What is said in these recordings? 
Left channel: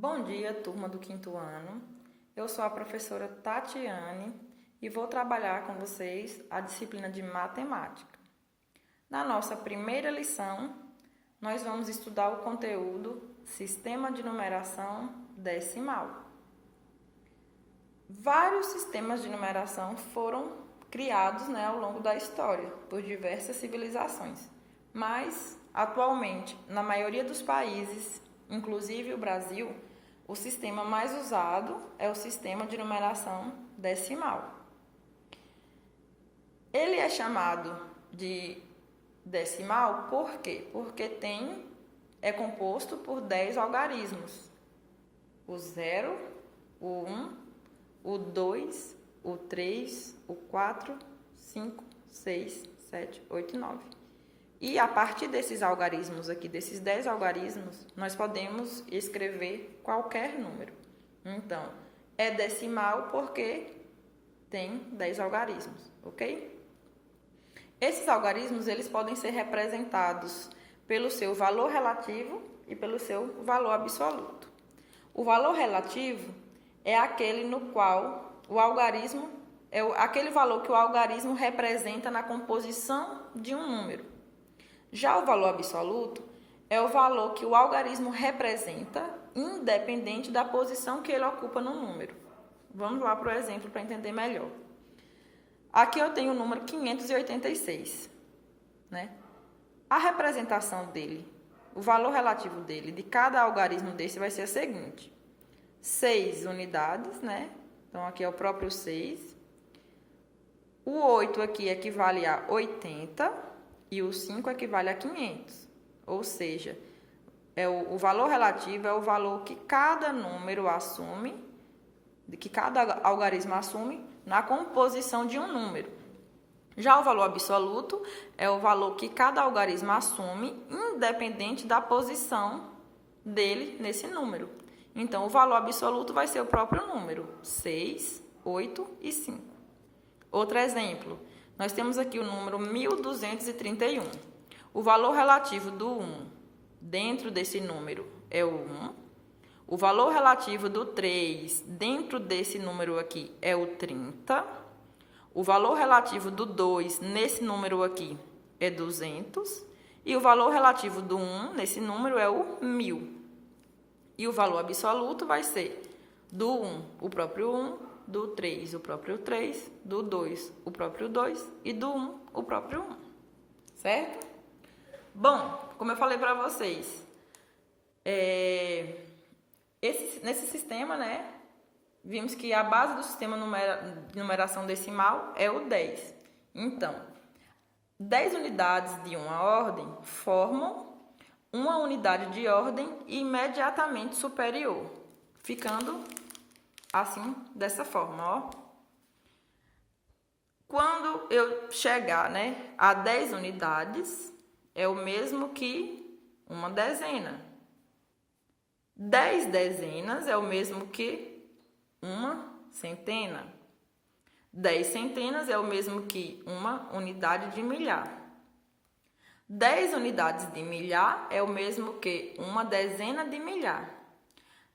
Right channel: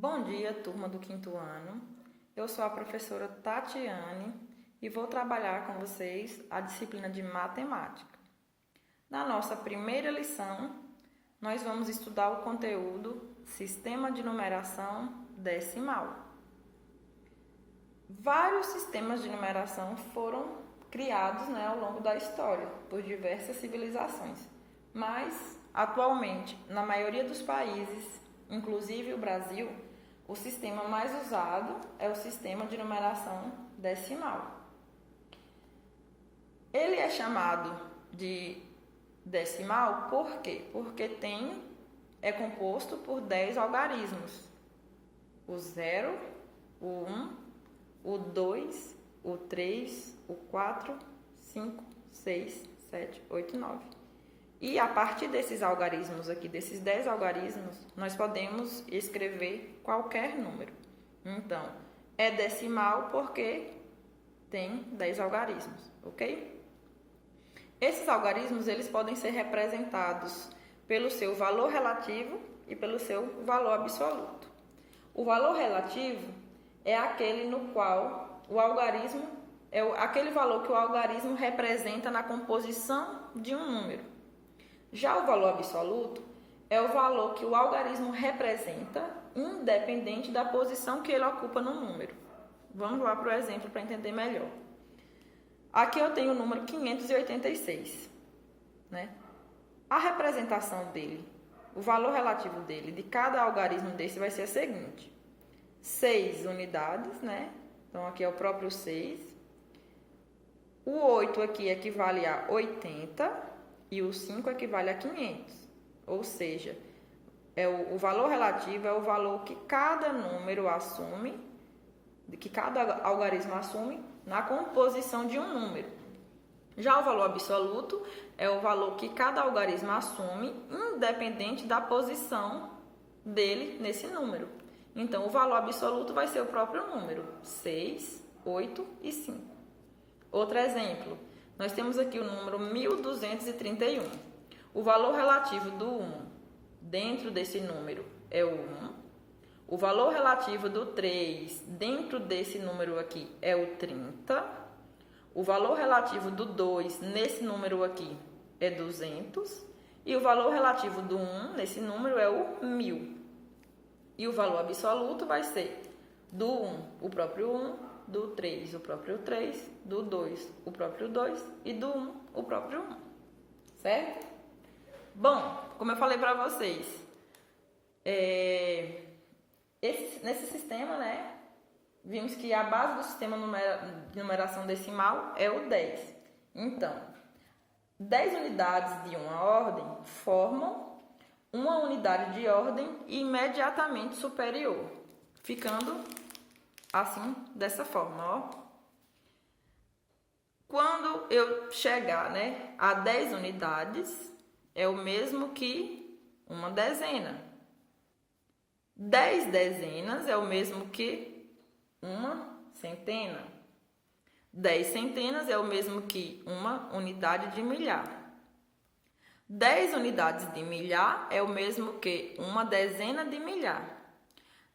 Bom dia, turma do quinto ano. Eu sou a professora Tatiane e vou trabalhar com vocês a disciplina de matemática. Na nossa primeira lição, nós vamos estudar o conteúdo Sistema de Numeração Decimal. Vários sistemas de numeração foram criados ao longo da história por diversas civilizações, mas atualmente, na maioria dos países, inclusive o Brasil, o sistema mais usado é o sistema de numeração decimal. Ele é chamado de decimal por quê? Porque é composto por 10 algarismos. O 0, o 1, o 2, o 3, o 4, 5, 6, 7, 8 e 9. E a partir desses algarismos aqui, desses 10 algarismos, nós podemos escrever qualquer número. Então, é decimal porque tem 10 algarismos, ok? Esses algarismos, eles podem ser representados pelo seu valor relativo e pelo seu valor absoluto. O valor relativo é aquele no qual o algarismo, aquele valor que o algarismo representa na composição de um número. Já o valor absoluto é o valor que o algarismo representa, independente da posição que ele ocupa no número. Vamos lá para o exemplo para entender melhor. Aqui eu tenho o número 586, A representação dele, o valor relativo dele, de cada algarismo desse vai ser a seguinte. 6 unidades, Então, aqui é o próprio 6. O 8 aqui equivale a 80. E o 5 equivale a 500, ou seja, o valor relativo é o valor que cada número assume, que cada algarismo assume na composição de um número. Já o valor absoluto é o valor que cada algarismo assume, independente da posição dele nesse número. Então, o valor absoluto vai ser o próprio número, 6, 8 e 5. Outro exemplo. Nós temos aqui o número 1231. O valor relativo do 1 dentro desse número é o 1. O valor relativo do 3 dentro desse número aqui é o 30. O valor relativo do 2 nesse número aqui é 200. E o valor relativo do 1 nesse número é o 1000. E o valor absoluto vai ser do 1, o próprio 1. Do 3, o próprio 3, do 2, o próprio 2 e do 1, o próprio 1, certo? Bom, como eu falei para vocês, nesse sistema, vimos que a base do sistema de numeração decimal é o 10. Então, 10 unidades de uma ordem formam uma unidade de ordem imediatamente superior, ficando assim, dessa forma, ó. Quando eu chegar, a 10 unidades, é o mesmo que uma dezena. 10 dezenas é o mesmo que uma centena. 10 centenas é o mesmo que uma unidade de milhar. 10 unidades de milhar é o mesmo que uma dezena de milhar.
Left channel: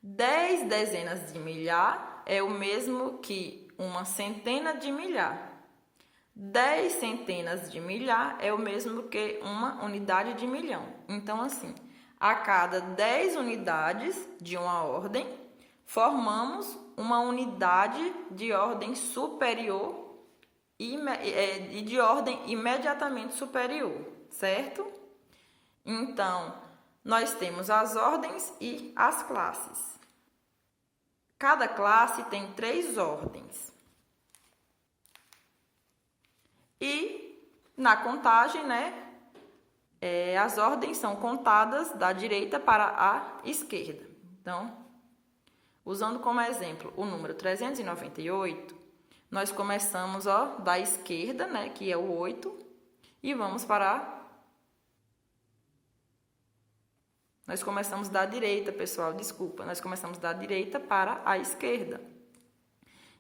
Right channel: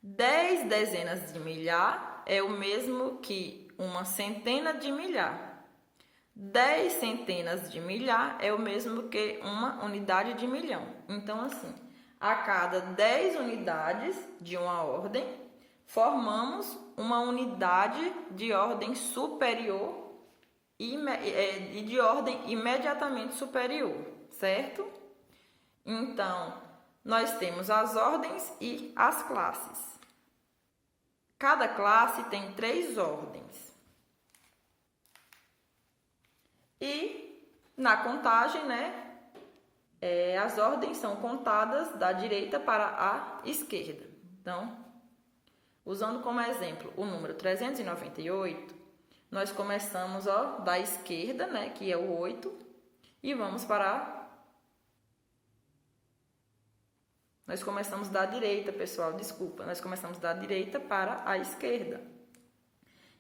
10 dezenas de milhar é o mesmo que uma centena de milhar. 10 centenas de milhar é o mesmo que uma unidade de milhão. Então, assim, a cada 10 unidades de uma ordem, formamos uma unidade de ordem superior e de ordem imediatamente superior, certo? Então, nós temos as ordens e as classes. Cada classe tem 3 ordens. E na contagem, as ordens são contadas da direita para a esquerda. Então, usando como exemplo o número 398, nós começamos da esquerda, que é o 8, e vamos para Nós começamos da direita, pessoal, desculpa. Nós começamos da direita para a esquerda.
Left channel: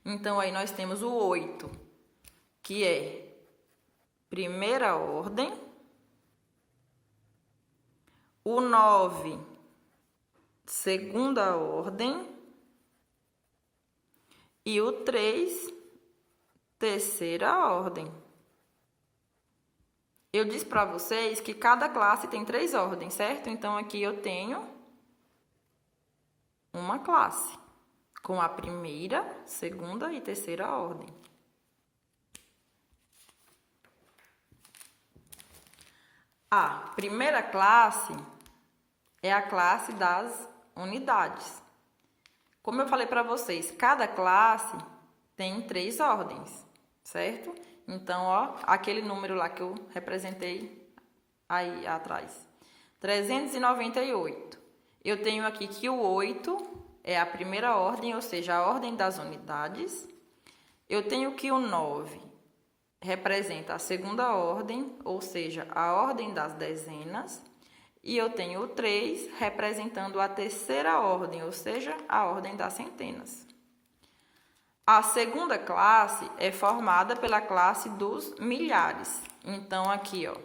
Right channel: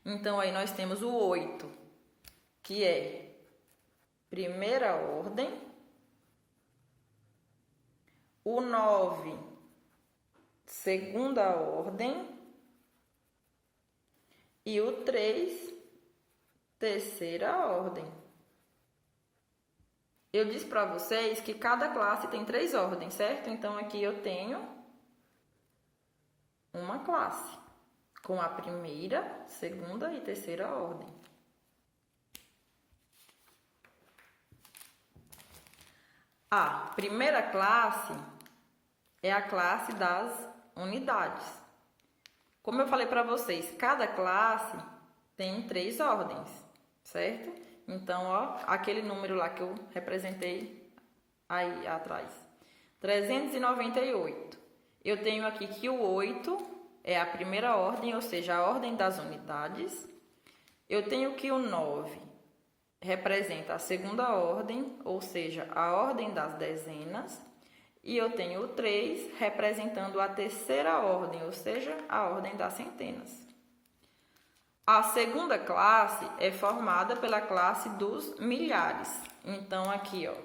Então, aí nós temos o 8, que é primeira ordem. O 9 segunda ordem, e o 3, terceira ordem. Eu disse para vocês que cada classe tem 3 ordens, certo? Então, aqui eu tenho uma classe com a primeira, segunda e terceira ordem. A primeira classe é a classe das unidades. Como eu falei para vocês, cada classe tem 3 ordens, certo? Então, ó, aquele número lá que eu representei aí atrás. 398. Eu tenho aqui que o 8 é a primeira ordem, ou seja, a ordem das unidades. Eu tenho que o 9 representa a segunda ordem, ou seja, a ordem das dezenas. E eu tenho o 3 representando a terceira ordem, ou seja, a ordem das centenas. A segunda classe é formada pela classe dos milhares. Então, aqui, ó,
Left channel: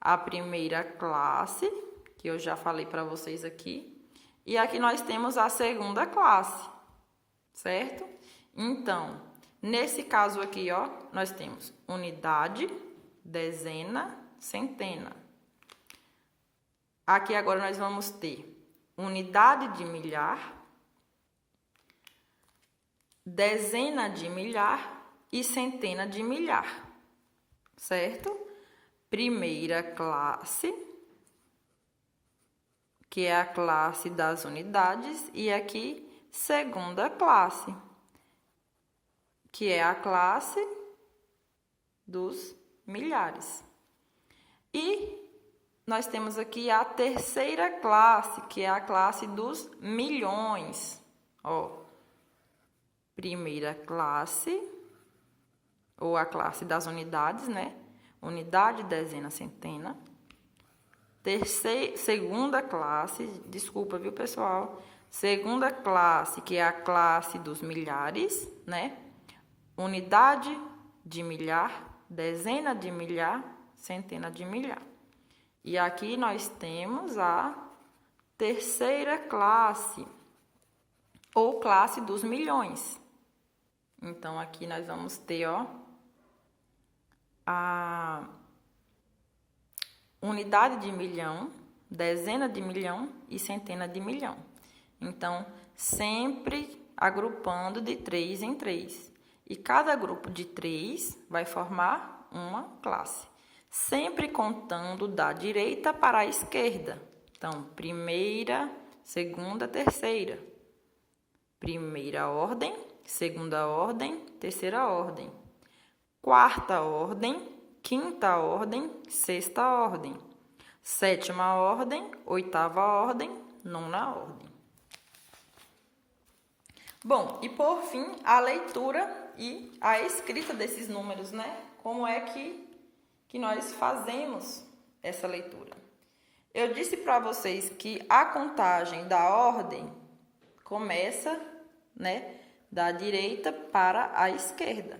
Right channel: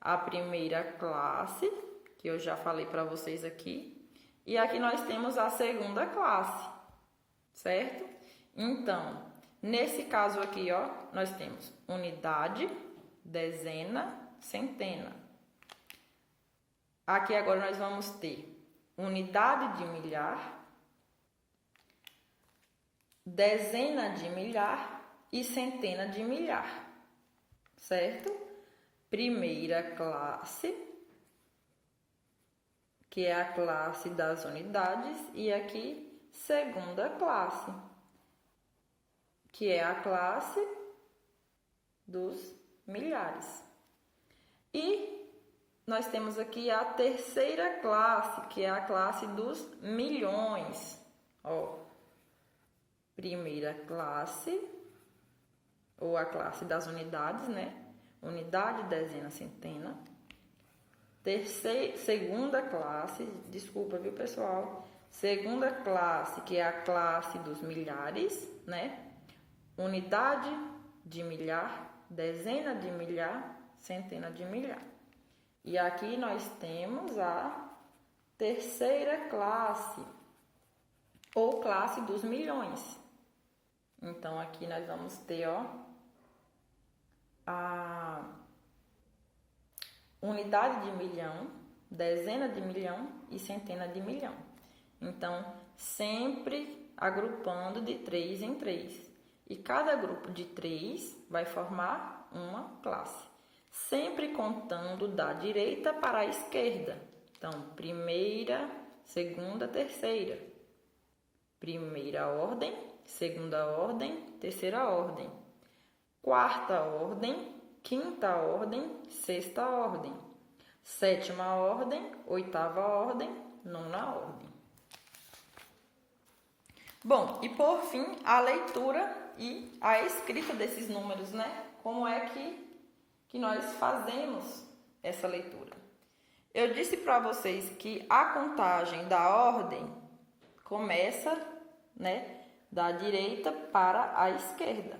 a primeira classe, que eu já falei para vocês aqui. E aqui nós temos a segunda classe, certo? Então, nesse caso aqui, ó, nós temos unidade, dezena, centena. Aqui agora nós vamos ter unidade de milhar, dezena de milhar e centena de milhar, certo? Primeira classe, que é a classe das unidades, e aqui segunda classe, que é a classe dos milhares. E nós temos aqui a terceira classe, que é a classe dos milhões. Ó, primeira classe, ou a classe das unidades, né? Unidade, dezena, centena. Segunda classe, desculpa, viu, pessoal? Segunda classe, que é a classe dos milhares, né? Unidade de milhar, dezena de milhar, centena de milhar. E aqui nós temos a terceira classe, ou classe dos milhões. Então, aqui nós vamos ter, ó, a unidade de milhão, dezena de milhão e centena de milhão. Então, sempre agrupando de 3 em 3. E cada grupo de 3 vai formar uma classe. Sempre contando da direita para a esquerda. Então, primeira, segunda, terceira. Primeira ordem, segunda ordem, terceira ordem. Quarta ordem, quinta ordem, sexta ordem. Sétima ordem, oitava ordem, nona ordem. Bom, e por fim, a leitura e a escrita desses números, né? Como é que nós fazemos essa leitura? Eu disse para vocês que a contagem da ordem começa, né, da direita para a esquerda.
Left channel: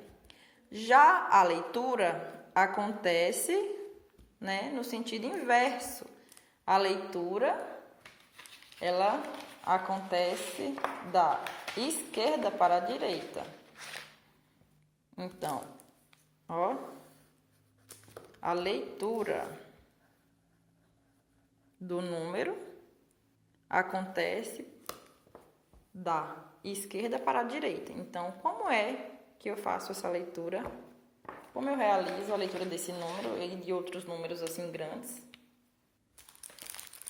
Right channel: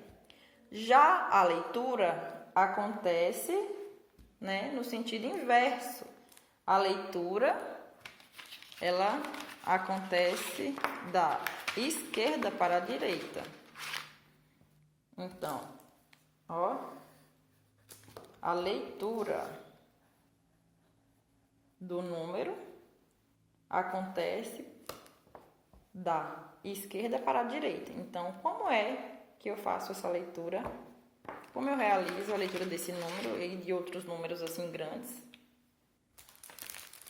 Já a leitura acontece, né, no sentido inverso. A leitura, ela acontece da esquerda para a direita. Então, ó, a leitura do número acontece da esquerda para a direita. Então, como é que eu faço essa leitura? Como eu realizo a leitura desse número e de outros números assim grandes?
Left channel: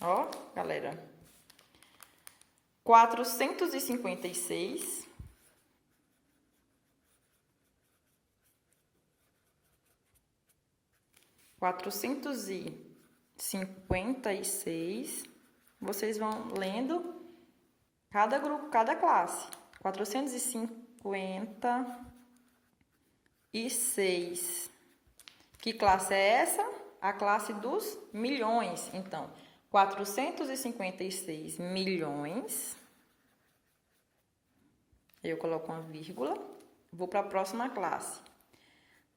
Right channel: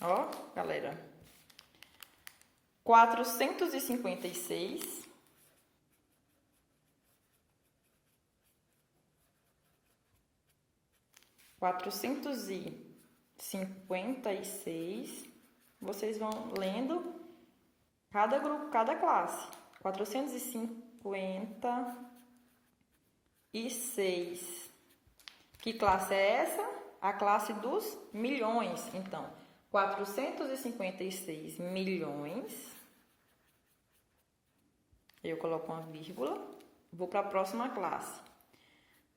Ó, galera, 456 456, vocês vão lendo cada grupo, cada classe. 456. Que classe é essa? A classe dos milhões. Então, 456 milhões. Eu coloco uma vírgula. Vou para a próxima classe.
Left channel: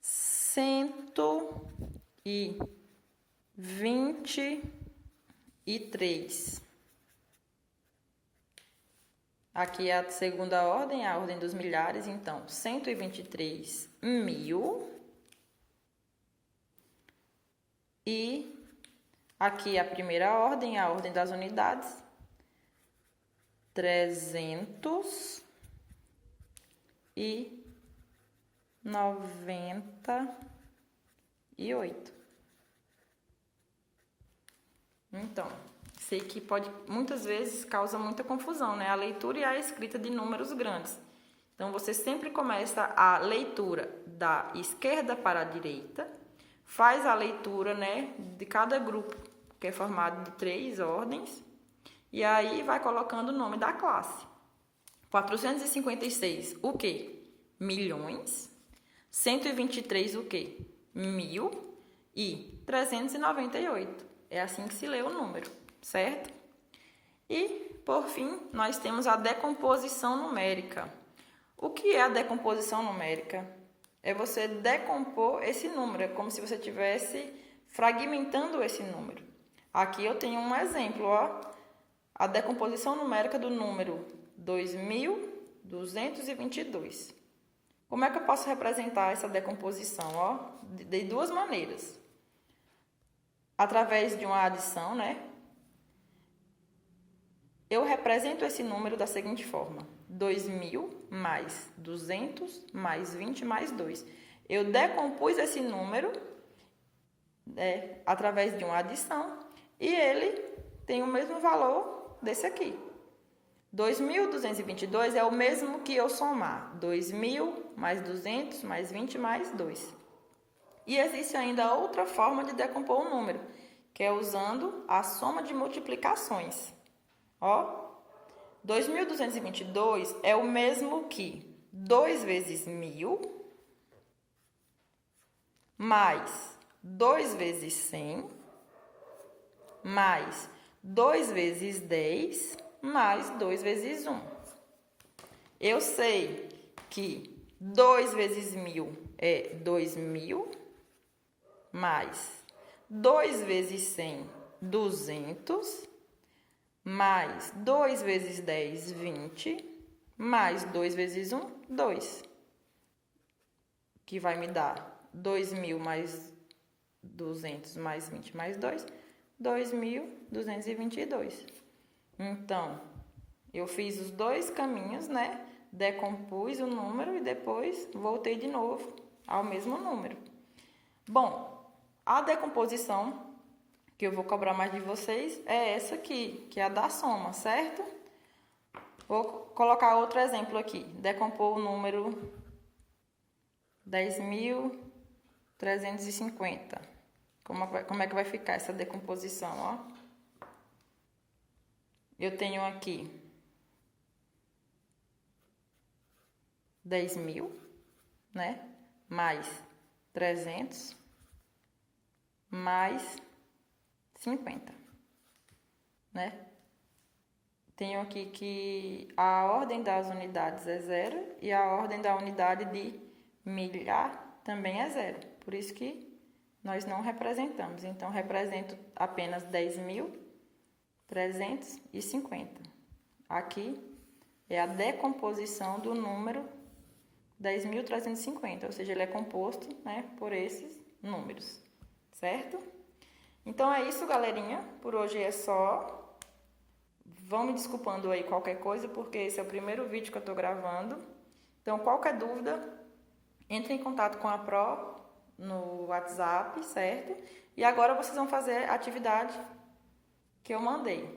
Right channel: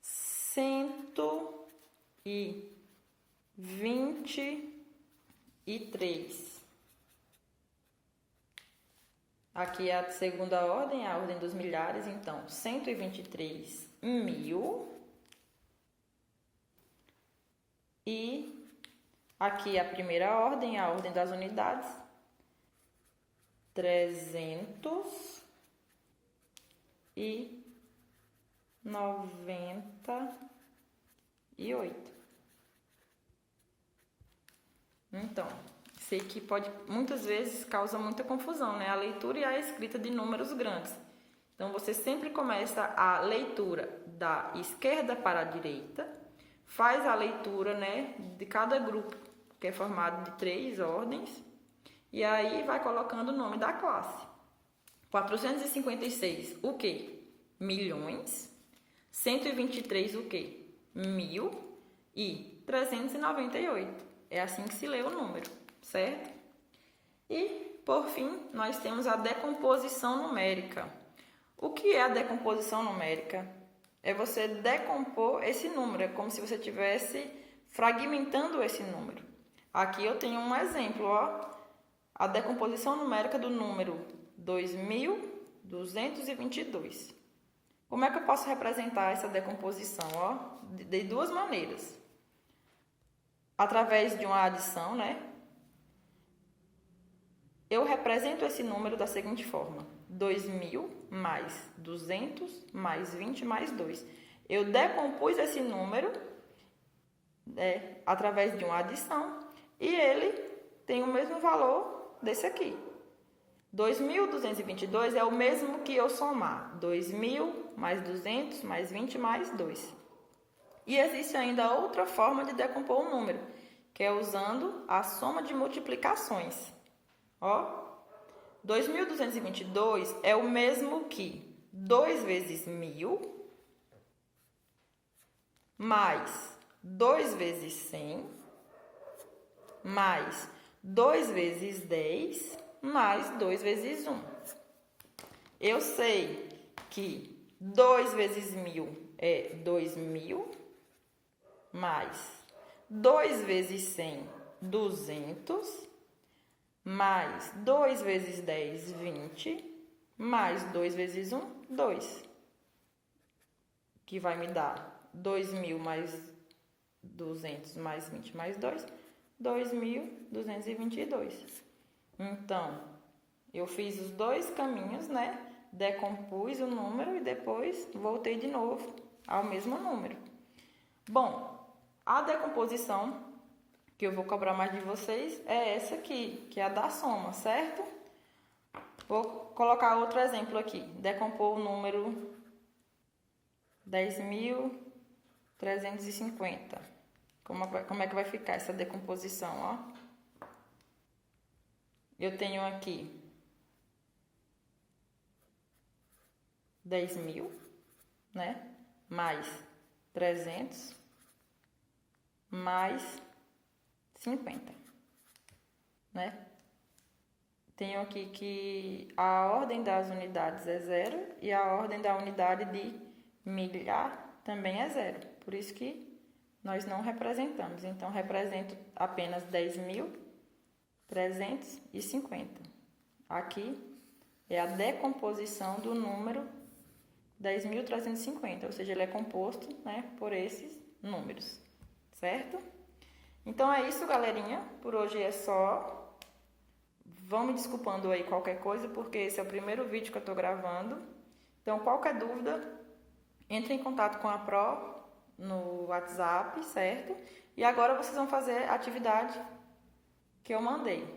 123. Aqui é a segunda ordem, a ordem dos milhares, então 123.000. E aqui a primeira ordem, a ordem das unidades, 398. Então, sei que muitas vezes causa muita confusão, né? A leitura e a escrita de números grandes. Então, você sempre começa a leitura da esquerda para a direita, faz a leitura, né, de cada grupo, que é formado de 3 ordens, e aí vai colocando o nome da classe. 456, o quê? Milhões. 123, o quê? 1000. E 398. É assim que se lê o número, certo? E, por fim, nós temos a decomposição numérica. O que é a decomposição numérica? É você decompor esse número, é como se você estivesse fragmentando esse número. Aqui eu tenho um exemplo, ó, a decomposição numérica do número 2222. Como é que eu posso representar essa decomposição? Ó, de duas maneiras. Através de uma adição, né? Eu represento esse número da seguinte forma: 2.000 mais 200 mais 20 mais 2. Eu decompus esse número através de uma adição e ele tem o mesmo valor desse aqui. 2.222 é o mesmo que eu somar 2.000 mais 200 mais 20 mais 2. E existe ainda outra forma de decompor o número, que é usando a soma de multiplicações. Ó, 2.222 é o mesmo que 2 vezes 1.000 mais 2 vezes 100 mais 2 vezes 10 mais 2 vezes 1. Eu sei que 2 vezes 1.000 é 2.000 mais 2 vezes 100, 200, mais 2 vezes 10, 20, mais 2 vezes 1, 2. Que vai me dar 2.000 mais 200 mais 20 mais 2, 2.222. Então, eu fiz os dois caminhos, né? Decompus o número e depois voltei de novo ao mesmo número. Bom, a decomposição que eu vou cobrar mais de vocês é essa aqui, que é a da soma, certo? Vou colocar outro exemplo aqui. Decompor o número 10.350. Como é que vai ficar essa decomposição, ó? Eu tenho aqui 10.000, né? Mais 300, mais 50, né? Tenho aqui que a ordem das unidades é 0 e a ordem da unidade de milhar também é 0. Por isso que nós não representamos. Então, represento apenas 10.350. Aqui é a decomposição do número 10.350, ou seja, ele é composto, né, por esses números, certo? Então é isso, galerinha. Por hoje é só. Vão me desculpando aí qualquer coisa, porque esse é o primeiro vídeo que eu tô gravando. Então, qualquer dúvida, entre em contato com a Pro no WhatsApp, certo? E agora vocês vão fazer a atividade que eu mandei,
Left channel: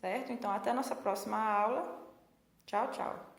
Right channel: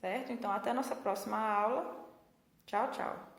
certo? Então, até a nossa próxima aula. Tchau, tchau.